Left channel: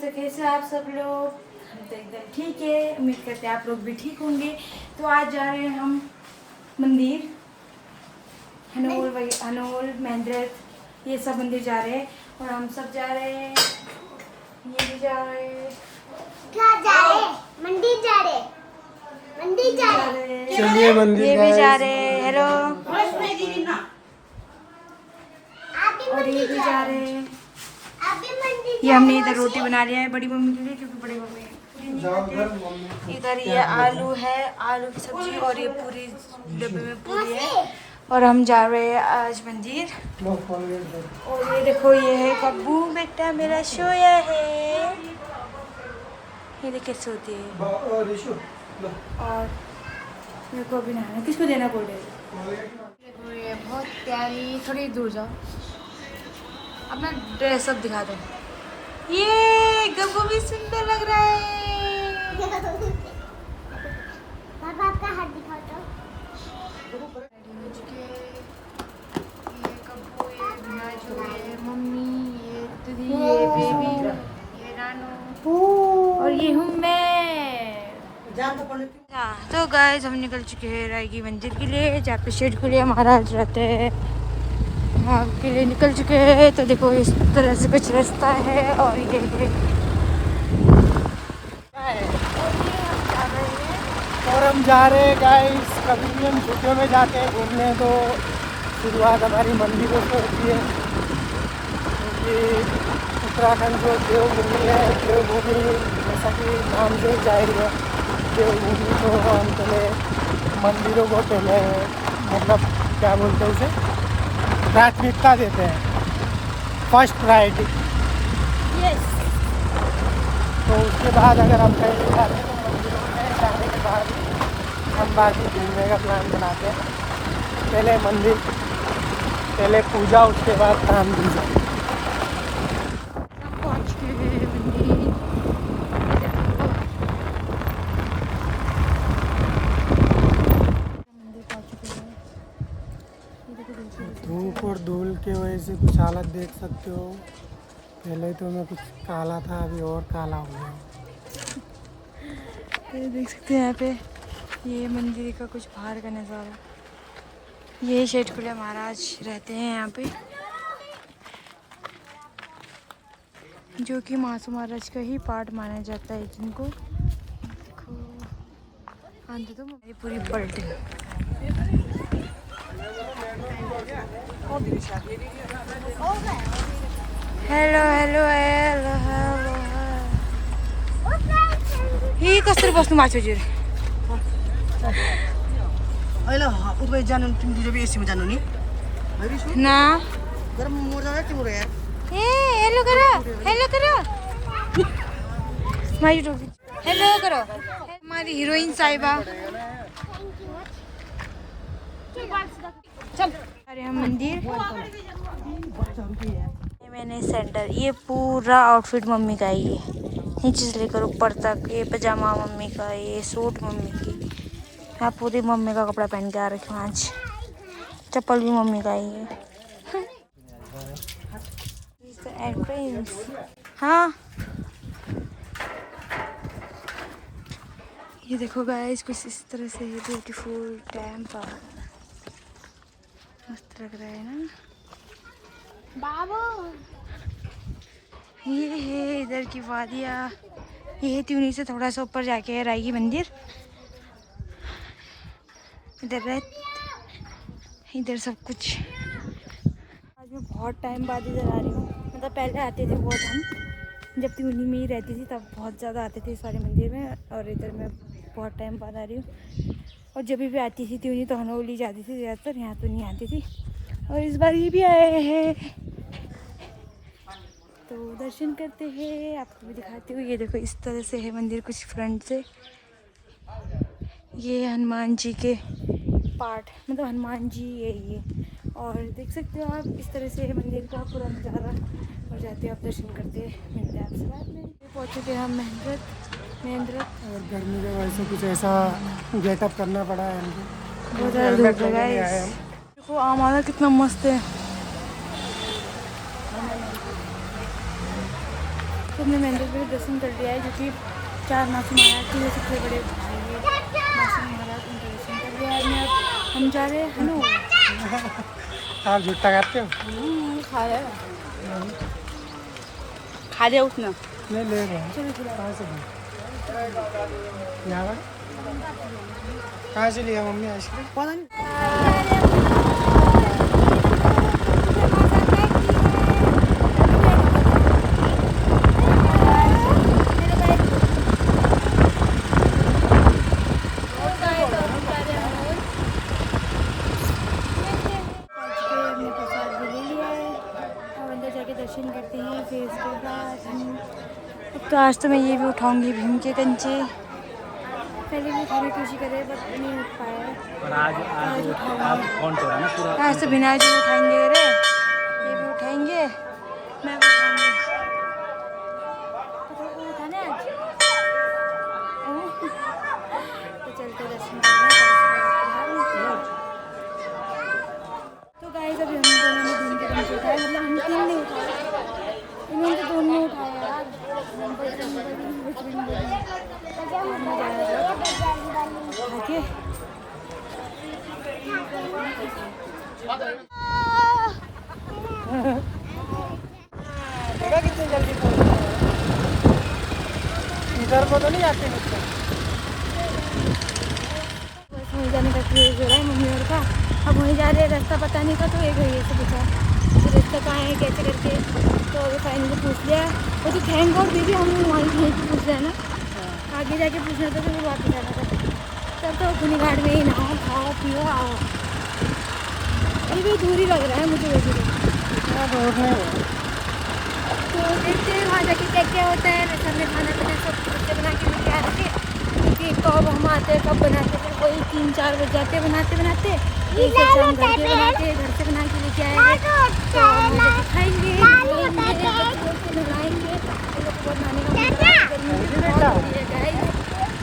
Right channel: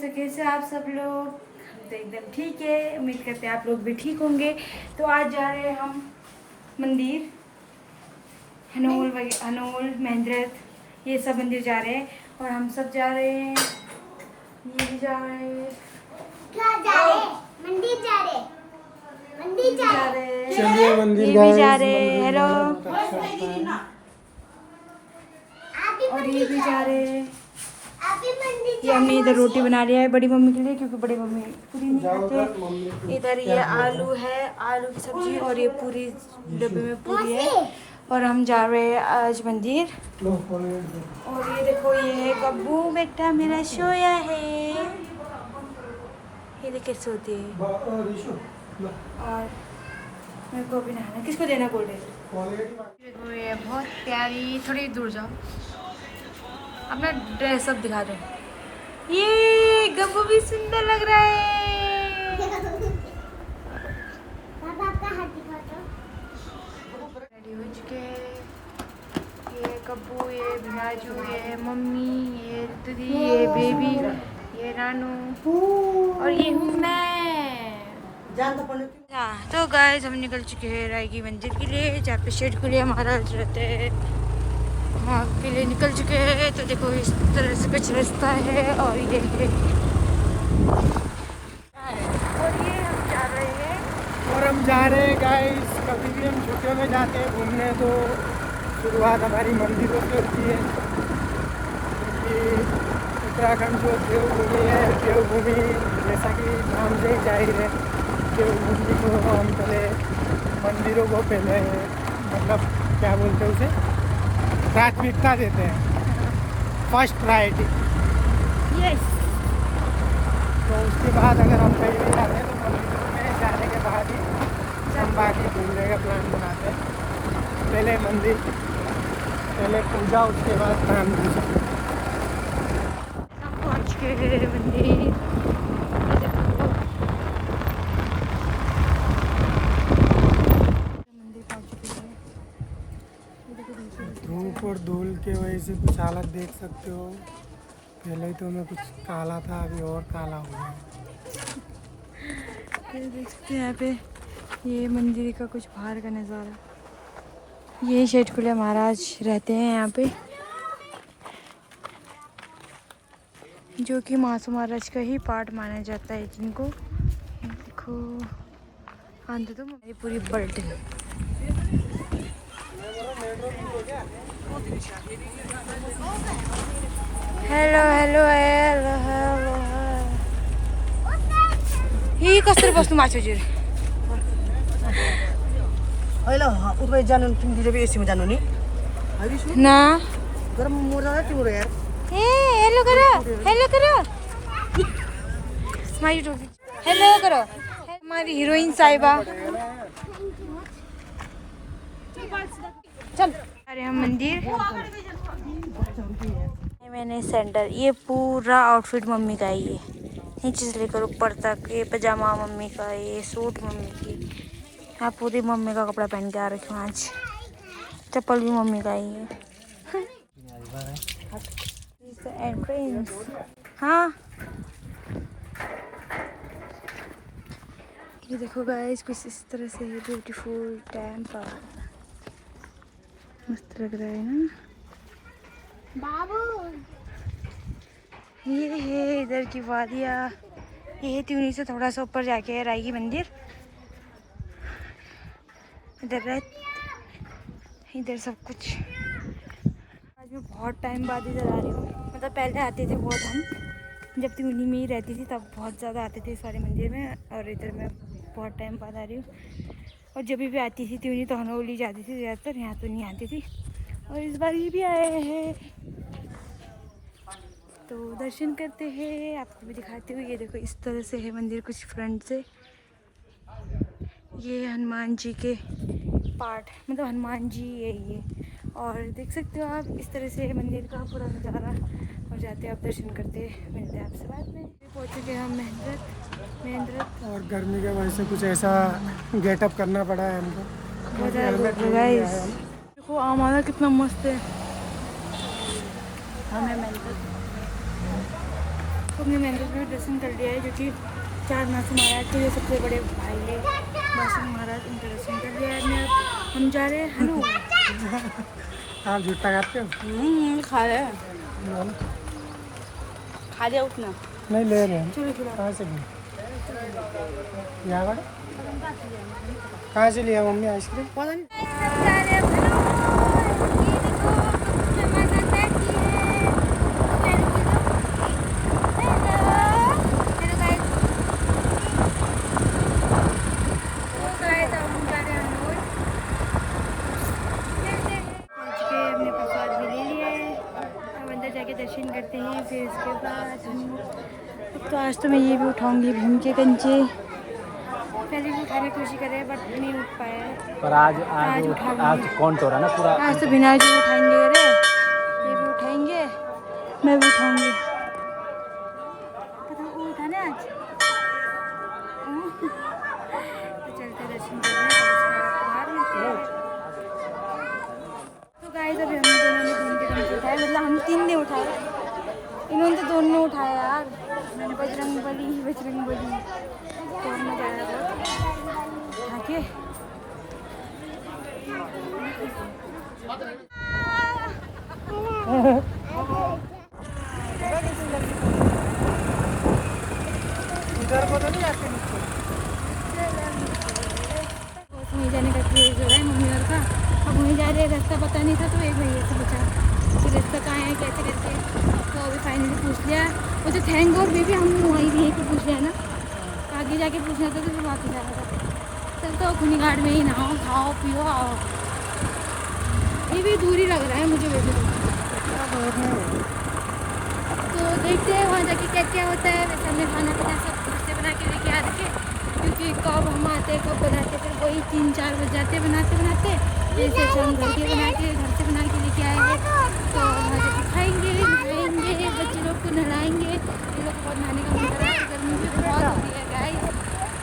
तो कैसे आप सब लोग? हम तो एकदम ठीक है, उम्मीद करते हैं आप लोग भी ठीक होंगे। तो आज जा रहे हैं हम मंदिर, हनोल महेंद्रथ, ये सब मंदिर जा रहे हैं। और हम सब जा रहे हैं, ये भी जा रहे हैं। क्या जा रहे हैं? मंदिर जा रहे हैं। मंदिर जा रहे हैं। चलिए मंदिर ये भी जा रहे हैं। हेलो। और ये भी जा रहे हैं। ये हमने इधर रोटी बना लिया है बड़ी मम्मी के लिए, क्योंकि बड़ी मम्मी पूरी नहीं खाते। इधर ये आलू है, आलू की सब्जी, और ये पूरी डब्बे में पूरी है। और हम जा रहे हैं आज मंदिर। और ये देखो, ये है कब्बू बेटा मेरा सोया है। ये देख कैसे होती है। और मेरे को भी नहाना, किसको देना गोल्डन? देखो ये बहुत प्यारी, थोड़ी दूर जाओ, अपना ड्रेस अप दिखा दो। ये गब्बू भी सुंदर लग रहा है। पापा आपका हाथ दिखाओ तो। रेडी हो चुके हैं। ये कब्बू, ये भियाजू, ये मम्मी, ये दीदी, ये बेबी, ये नानू, और ये हूँ मैं। तो गाइस हम निकल चुके हैं रायगी मंदिर के लिए, जहाँ पे शेठ कुलिया महाराज रहते हैं, वहाँ के लिए निकल चुके हैं। तो देखो इस तरह से कुछ रास्ता है, और ये है, और ये हम जा रहे हैं। और हम जा रहे हैं गाइस, कभी भी हम छुट्टियों में जाते हैं घूमने तो शुरुआत हमारी मंदिरों से होती है, क्योंकि उत्तराखंड जो देवभूमि है, देवभूमि जैसा कि नाम से जाहिर है, देवभूमि को हम पहले मंदिरों को पहले मतलब क्या बोलते हैं इसे, प्राथमिकता देते हैं, फर्स्ट प्रायोरिटी। यस। तो उसके बाद अगर हम कहीं भी आते हैं तो मंदिरों में जाने के बाद ही हम बाकी घूमने का प्लान बनाते हैं। पहले मंदिर, पहले पूजा, उसके बाद काम की जाए। हम पहुँच गए मंदिर। मंदिर पहुँच चुके हैं। ये देखो दूसरी धूप और धूल की वजह से कुछ हालत देख सकते हो। पहले तो मैं कुछ काला था, अभी और काला हो गया। ये देख सकते हैं यहाँ पे, ये मंदिर का कुछ बाहर का नज़ारा। ये शेठ कुलिया महाराज रहते हैं यहाँ पे, जो कि मासू महाराज का ही पार्ट माना जाता है जिनको। देखो आंधी तो मेरी पूरी पलटी। Hello hello hello hello. ही कसरी बस्नु भएको छ होइन उता जानु तिमी दुईजना एसीमा जानु नि ना। गरम मोर्दा तिम्रो यार ए हेलो करो, हेलो करो, हेलो करो। हमारी हीरोइन साहिबा। अरे हम मंदिर, मैंने सैंडल, ये पूरा आउटफिट मम्मी का है। ये नीचे से लेकर ऊपर तक, ये पजामा मम्मी का, ये सूट मम्मी की। हाँ पूरी मम्मी का कपड़ा पहन के आ रखी हूँ आज। चप्पल भी मम्मी का ही है। एंट्रेंस। हाँ ये देखो गाइस, कुछ इस तरह से है, ब्यूटीफुल टेम्पल, मस्त लग रहा है ना। बाबू ये है इधर की वादियाँ। ये है त्यूनी से थोड़ा सा ऊपर जाके है रायगी मंदिर। इधर है, इधर सब कुछ। आज मैं बहुत टाइम बाद इधर आ रही हूँ, मतलब पहले आते थे बहुत, हम जब त्यूनी में ही रहती थी तब बहुत ज़्यादा आते थे इस वाले मंदिर में। और इधर मैं बहुत टाइम बाद आ रही हूँ। और जब भी आती थी त्यूनी तो हनोल ही जाती थी ज़्यादातर, यहाँ तो नहीं आती थी। और इस बार ये भी आए हैं, तो दर्शन करते हैं, आपको भी दिखाती हूँ। ये देखो इस तरह से है मंदिर कुछ फ्रंट से। ये हनुमान जी के पार्ट, मतलब हनुमान जी है ये। और देख सकते हो आप इस तरह से मंदिर का पूरा नज़ारा। और जाते हैं आप दर्शन करते हैं, मिलते हैं आपसे बाद में। पहुँच चुके हैं हम महेंद्रथ। और गर्मी की वजह से कुछ ऐसा गेटअप करना पड़ा है हमको। बहुत ज़्यादा धूप है गाइस। देखो आमादा कितना मस्त है। तो हमने मंदिर में दर्शन कर लिया है, जो कि 4 मासी महाराज के सबसे बड़े भाई है मासी महाराज, उनका दर्शन कर लिया है। मैं अब हम जा रहे हैं हनो। आप झूठा खाते हो? खा ले उठना। नहीं ले रहे हैं। चलो खिलाओ। कहाँ से लिए मम्मी आइसक्रीम? पता नहीं। हमने प्रसाद भी ले लिया है, अब अंदर जाके दर्शन करते हैं, फिर उसके बाद हम तो आज तो मैं ये भी उठाऊंगी भीम के कंचे। पहले भी उठाने की कोशिश कर रहे हैं बट नहीं उठ पाया है, पर आज उठाएंगे। कौन तो रहा ना पूरा। आज तो बिना जो उठाएंगे, अरे ये भी उठाएंगे, मैं भी उठाऊंगी। पता वो उठाने आज तो चलते दर्शन करने। तो गाइस अभी हम दोनों ने भीम के कंचे उठाए, मतलब हम 3 ने उठाए, इन्होंने तो 2 ने उठाया यार। बजरंगबली तो हम मजा आया बहुत आके। इधर को तो नहीं आते मतलब। बस वहीं जाने का क्रेज हो रहा है मम्मी और का। अब वहीं जा रहे, रास्ता पता नहीं था तो एक भैया से पूछा कि रास्ता कहाँ है कैसे करके, तो अभी फाइनली पूछ लिया। वो तो थैंक गॉड बेबी हम वहीं यहीं से पूछ लिया ना, आगे जाके पूछना था तो फिर वापस जाना था। तब तो खुनी घाट में ही नहाओ खाओ पियो आओ। ये भी दूरी लग रहा है मुझे वैसे तो देखते हैं वहाँ जाके क्या क्या होता है। वैसे हमने खाना पीना सब बच्चे बना के लेके आ रखे, क्योंकि कब हम आते हैं कब बनाते, फिर वही 3-4 बज जाते बनाते बनाते। जैसे हम घर से बना के लेके आएंगे तो वहाँ जाके खाएंगे नहाएंगे, बच्चे लोग को नहलाएंगे। इन लोग को बहुत नहाने का मन कर रहा है, गर्मी भी बहुत हो रही है गाइस,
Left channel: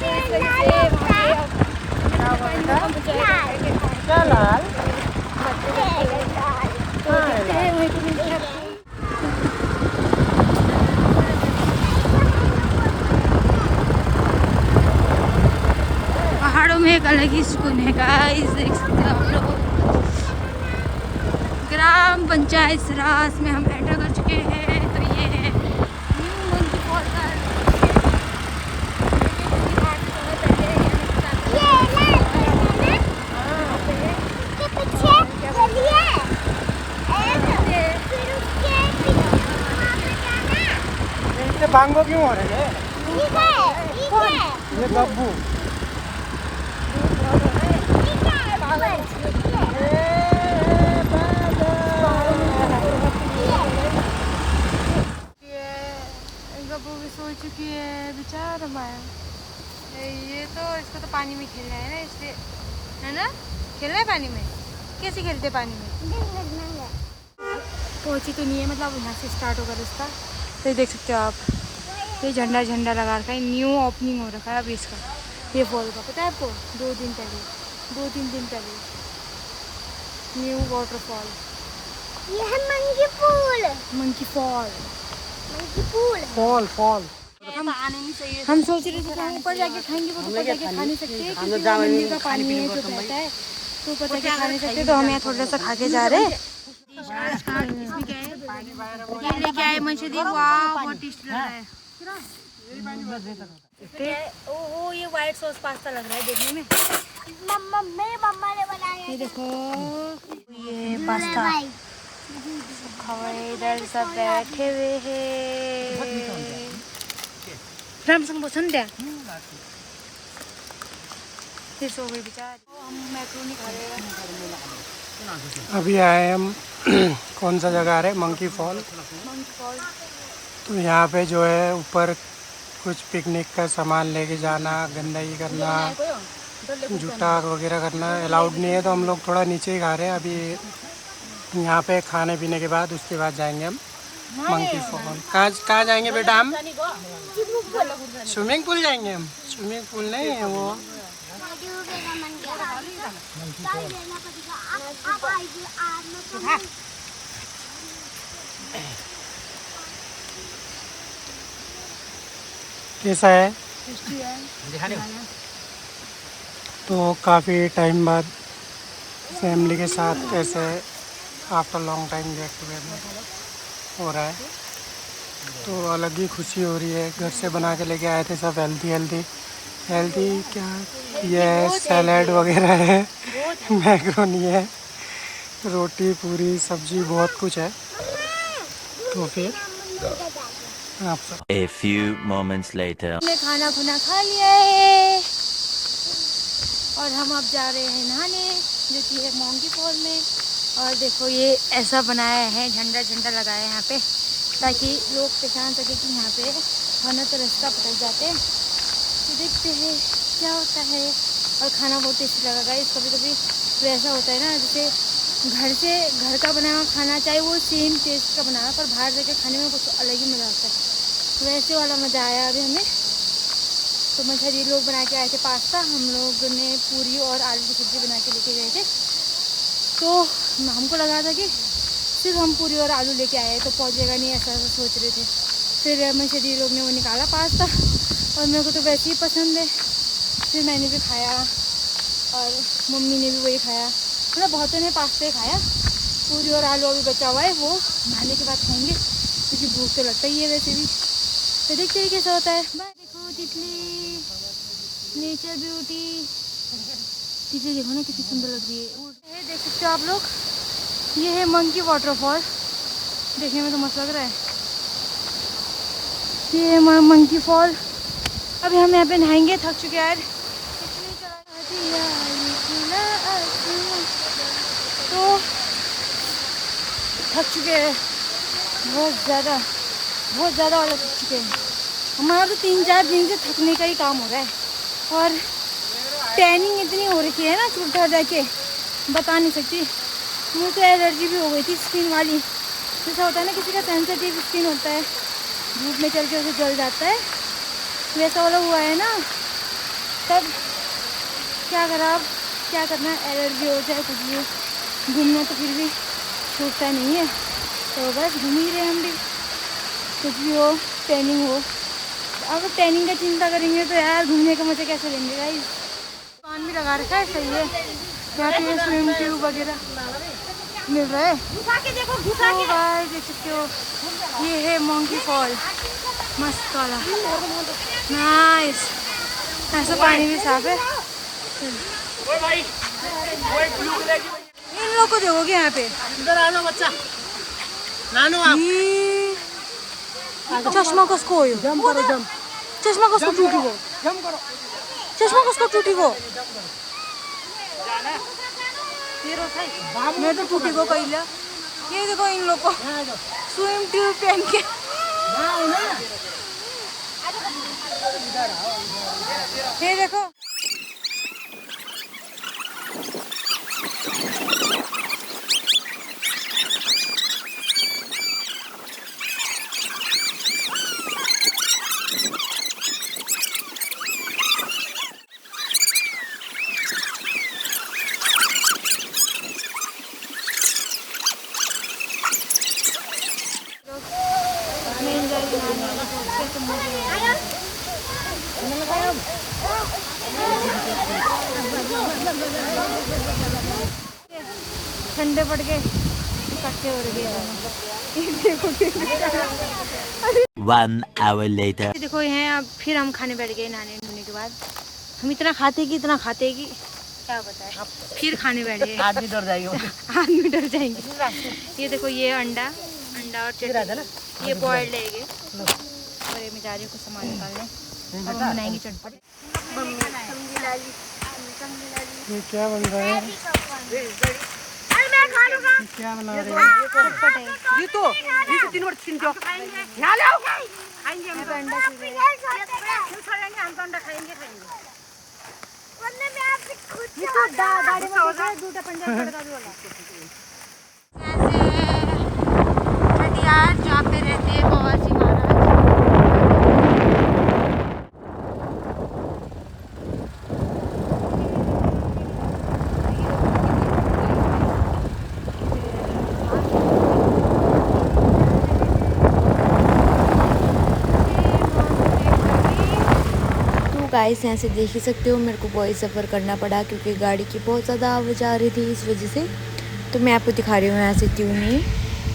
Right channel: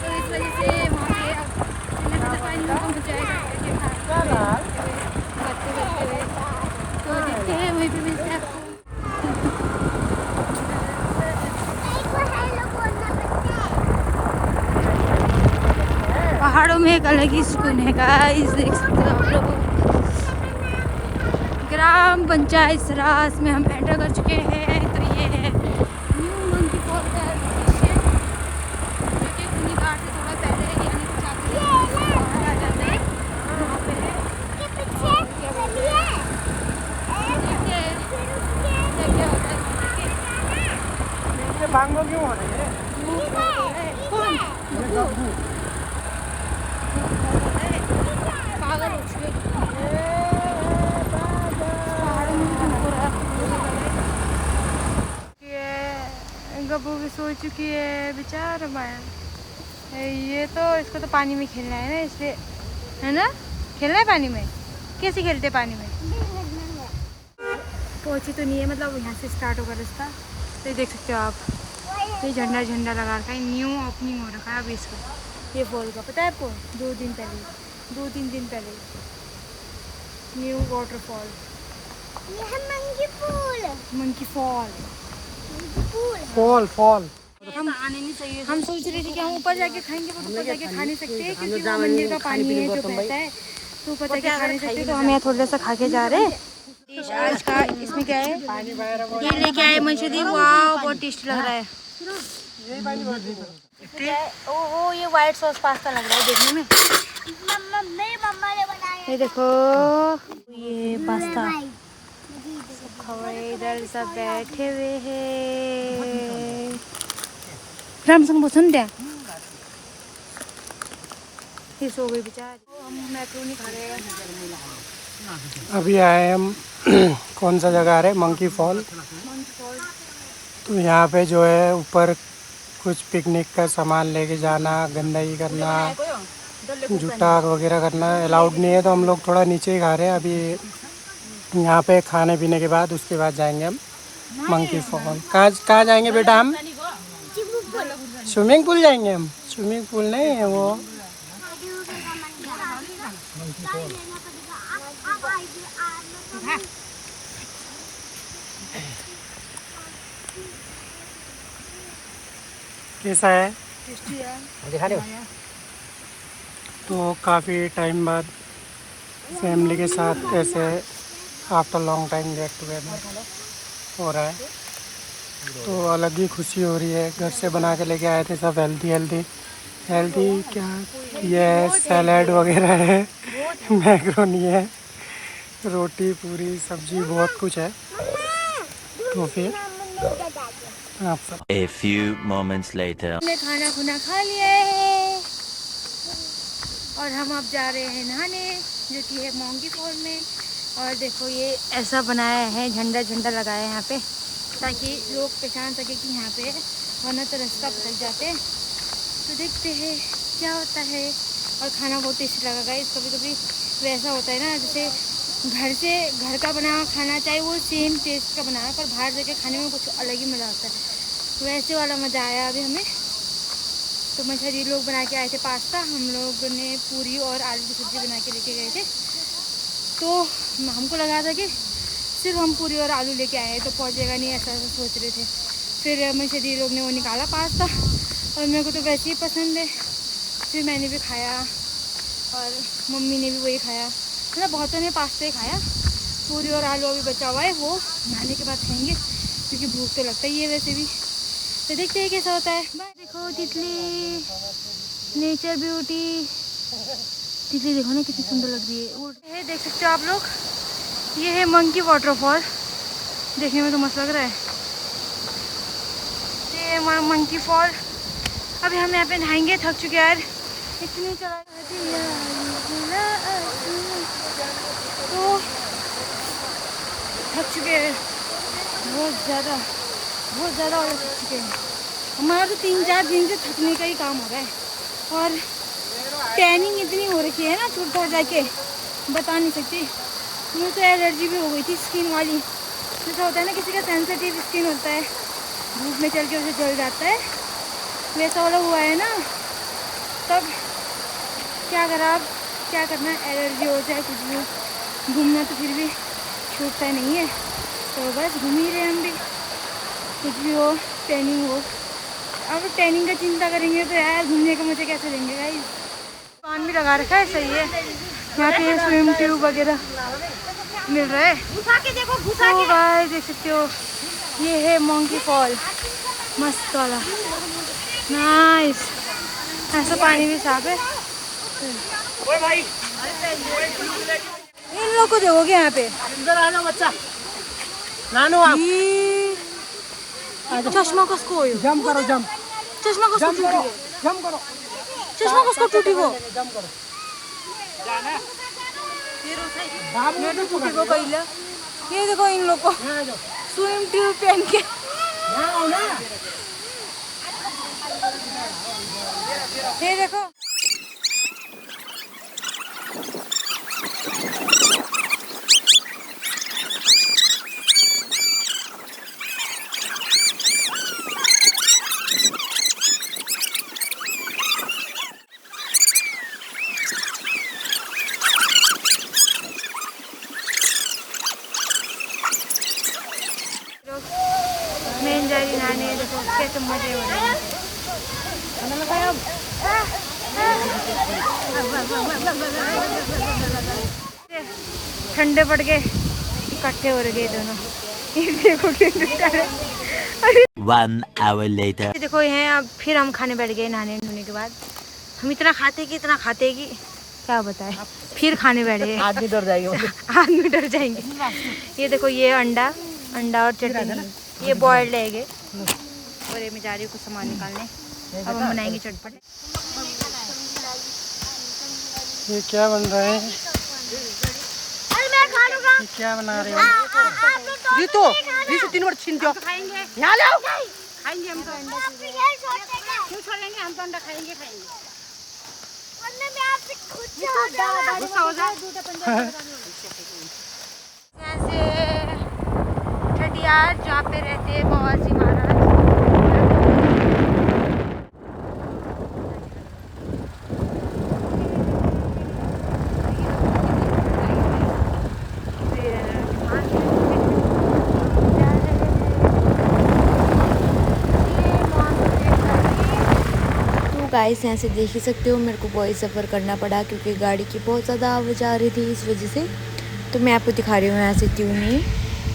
तो इस वजह से वहाँ पे अब पानी में कम हो जाएगा बातें करते हुए। तो देखते हैं वहीं पर मिलते हैं आपको। पहाड़ों में एक अलग ही सुकून है गाइस, देख सकते हो आप लोग। ग्राम पंचायत सरास में हम एंटर कर चुके हैं। तो ये है मंकी फॉल का लोकेशन, जो कि खुनी घाट से थोड़ा पहले यानी कि 4 किलोमीटर आ जाते हैं वहाँ पे है। और क्या बोलते हैं भांगो क्यों हो रहे हैं? कौन ये बब्बू। पागल हो चुके पहाड़ों में गब्बू भी सो चुकी है बेचारा माया। ये तो इसको तो पानी में खेलना है ना, इसलिए है ना, खेलना है पानी में। कैसे खेलते पानी में? पहुँची तो नहीं है, मतलब यहाँ से स्टार्ट होगा रास्ता। तो देख सकते हो आप, ये झंडा लगा रखा है, न्यू ओपनिंग हो रखा है अभी इसका, ये फॉल का। पता है आपको 2-3 दिन पहले न्यू वाटरफॉल, मंकी फॉल। हम सोच रहे थे कि हम ऊपर जाके खाएंगे, वो तो ऊपर जाके खा नहीं सकते क्योंकि वो मंदिर का पानी है जो बहता है, तो ऊपर जाके खा नहीं सकते। तो हम यहाँ थोड़ा सा खा के जा रहे हैं। आज का इसमें क्या है, ये लेके आए मंचूरियन, वाह बहुत टेस्टी लग रहा है। ओ ये व्हाइट सॉस पास्ता लग रहा है देखने में। मम्मा ने बनाया। ये देखो ये पास्ता खवाए, इधर सब बैठे हुए हैं। राम संग पसंद है, ये सो गई बेचारी। हम मैक्रोनी खा रहे हैं। अभी आए हम कौन सा जगह आ रहे, मंकी फॉल। तो यहाँ पे जो है ऊपर कुछ पिकनिक का सामान लेके जाना, गंदगी करना, जूता वगैरह करना अलाउड नहीं है, तो हम लोग थोड़ा नीचे ही खा रहे हैं अभी। यहाँ पे खाने पीने के बाद उसके बाद जाएंगे हम मंकी फॉल। कहाँ जाएंगे बेटा हम? स्विमिंग पूल जाएंगे हम। स्विमिंग पूल नहीं है वो, मंकी फॉल। कैसा है? तो काफ़ी टाइम बाद फैमिली के साथ ऐसे after long time get together हो रहा है, तो अलग ही खुशी हो रही है। घर से बना के लेके आए थे सब हेल्दी क्या ये सैलेड वगैरह है, मैक्रोनी है, रोटी पूरी सब्जी बहुत कुछ है। तो फिर आप सब A few moments later. हमने खाना खुना खा लिया है और हम अब जा रहे हैं नहाने, जो कि है मोंगी फॉल में। और देखो ये ऐसा बनाया है, झंडा लगाया है यहाँ पे, ताकि लोग पहचान सके कि यहाँ पे, वरना तो रास्ता भटक जाते हैं। तो देखते हैं क्या होता है। और खाना बहुत टेस्टी लगा गाइस। कभी कभी वैसा होता है ना, जैसे घर का बना खाना, चाहे वो सेम टेस्ट का बना, पर बाहर जाके खाने में कुछ अलग ही मज़ा आता है। वैसे वाला मज़ा आया अभी हमें। तो मछली लोग बना के आए थे पास्ता, हम लोग ने पूरी और आलू की सब्ज़ी बना के लेके गए थे। तो हमको लगा था कि सिर्फ हम पूरी और आलू लेके आए तो पहुँचेगा नहीं, ऐसा सोच रहे थे। फिर मछली लोग ने वो निकाला पास्ता, और मेरे को तो वैसे ही पसंद है। फिर मैंने भी खाया और मम्मी ने भी वही खाया, मतलब बहुतों ने पास्ता ही खाया। पूरी और आलू अभी बचा हुआ है, वो नहाने के बाद खाएंगे, क्योंकि भूख तो लगता ही है वैसे भी। तो देखते हैं कैसा होता है। देखो तितली, नेचर ब्यूटी, तितली देखो ना कितनी सुंदर लग रही है। देख सकते हो आप लोग, ये है मंकी वाटरफॉल, देखने में तो मस्त लग रहा है। ये है मंकी फॉल। अभी हम यहाँ पे नहाएंगे, थक चुके यार, इतनी चला तो थक चुके हैं बहुत ज़्यादा वाला थक चुके हैं। हमारा तो 3-4 दिन से थकने का ही काम हो रहा है, और टैनिंग इतनी हो रखी है ना चुपचाप जाके, बता नहीं सकती। मुझे तो एलर्जी भी हो गई थी स्किन वाली, जैसा होता है ना किसी का सेंसिटिव स्किन होता है, धूप में चल के उसे जल जाता है, वैसा वाला हुआ है ना। तब क्या करा, अब क्या करना, एलर्जी हो चाहे कुछ भी हो, घूमना तो फिर भी छूटता नहीं है। तो बस घूम ही रहे हम भी, कुछ भी हो, टैनिंग हो। अब टैनिंग का चिंता करेंगे तो यार घूमने का मज़ा कैसे लेंगे गाइस। दुकान भी लगा रखा है, सही है। यहाँ पे स्विम ट्यूब वगैरह मिल रहा है। तो गाइस देख सकते हो, ये है मंकी फॉल, मस्त वाला, नाइस। ऐसा पानी भी साफ है। इन लोग को देखोगे यहाँ पे, चश्मा कसको हो, चश्मा कसको टूटेको, चश्मा कसको टूटेको, मैं तो टूटेको कहिले। ये देखो इन लोग को स्विम ट्यूब पहन के, ये देखो। मैं जा रही नहाने, देखो कैसे मजे हो रहे हैं। ठंडे पड़ के इकट्ठे हो रहे दोनों। देखो 1 hour later. देखो यहाँ अब फिर हम खाने बैठ गए नहाने धोने के बाद। हम इतना खाते कि क्या बताएं, फिर खाने बैठे। आदमी डर जाएंगे। ये देखो, ये अंडा और चटनी, ये बॉइल्ड एग है। और ये मैं जा रही हूँ कुछ सामान निकालने, अब हम बनाएंगे चटपट। ये क्या बन रहा है? ये क्या बना रहे हो? रितु 3 बार छीन दो, यहाँ ले आओ। खाएंगे हम तो अंडा, क्यों छोड़ेंगे, हम तो अंडा खाएंगे। वरना मैं आपसे खुद छठियार जहाँ पे रहते हैं बाबाजी महाराज। गाइस यहाँ से देख ही सकते हो मेरे को वॉइस सफ़र करना पड़ा क्योंकि गाड़ी की बहुत ज़्यादा आवाज़ आ रही थी, इस वजह से। तो मैं आपको दिखा रही हूँ यहाँ से त्यूनी,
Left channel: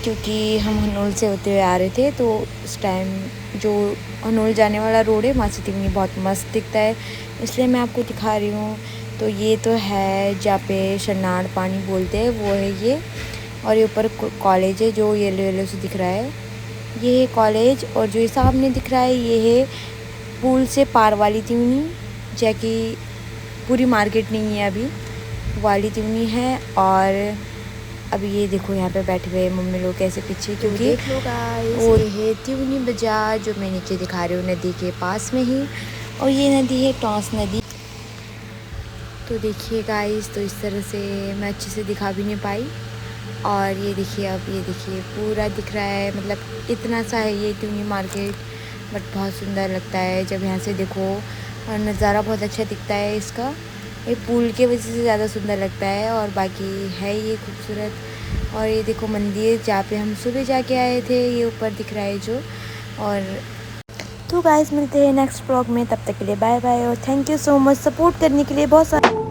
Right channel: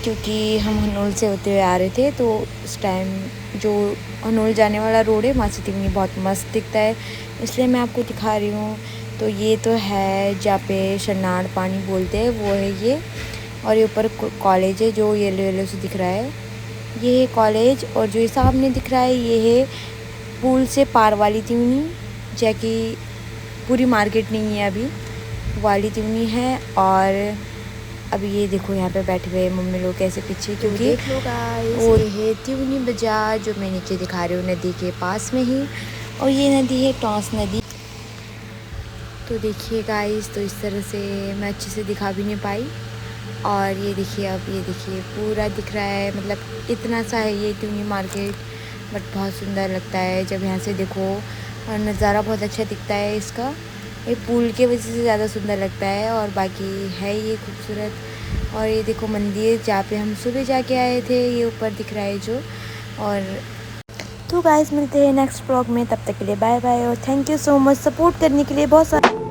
क्योंकि हम हनोल से होते हुए आ रहे थे तो उस टाइम जो हनोल जाने वाला रोड है वहाँ से त्यूनी बहुत मस्त दिखता है, इसलिए मैं आपको दिखा रही हूँ। तो ये तो है जहाँ पे शनाड़ पानी बोलते हैं, वो है ये। और ये ऊपर कॉलेज है जो येलो येलो से दिख रहा है, ये है कॉलेज। और जो ये सामने दिख रहा है ये है पुल से पार वाली त्यूनी, जैकि पूरी मार्केट नहीं है अभी, वाली त्यूनी है। और अभी ये देखो यहाँ पे बैठे हुए मम्मी लोग कैसे पीछे, क्योंकि देख लो गाइस ये है त्यूनी बाजार जो मैं नीचे दिखा रही हूँ नदी के पास में ही। और ये नदी है टॉस नदी। तो देखिए गाइस, तो इस तरह से मैं अच्छे से दिखा भी नहीं पाई। और ये देखिए, अब ये देखिए पूरा दिख रहा है, मतलब इतना सा है ये त्यूनी मार्केट, बट बहुत सुंदर लगता है जब यहाँ से देखो। और नज़ारा बहुत अच्छा दिखता है इसका, ये पुल के वजह से ज़्यादा सुंदर लगता है। और बाकी है ये खूबसूरत। और ये देखो मंदिर जहाँ पे हम सुबह जाके आए थे, ये ऊपर दिख रहा है जो। और तो गाइस मिलते हैं नेक्स्ट ब्लॉग में, तब तक के लिए बाय बाय और thank you so much support करने के लिए बहुत सारा।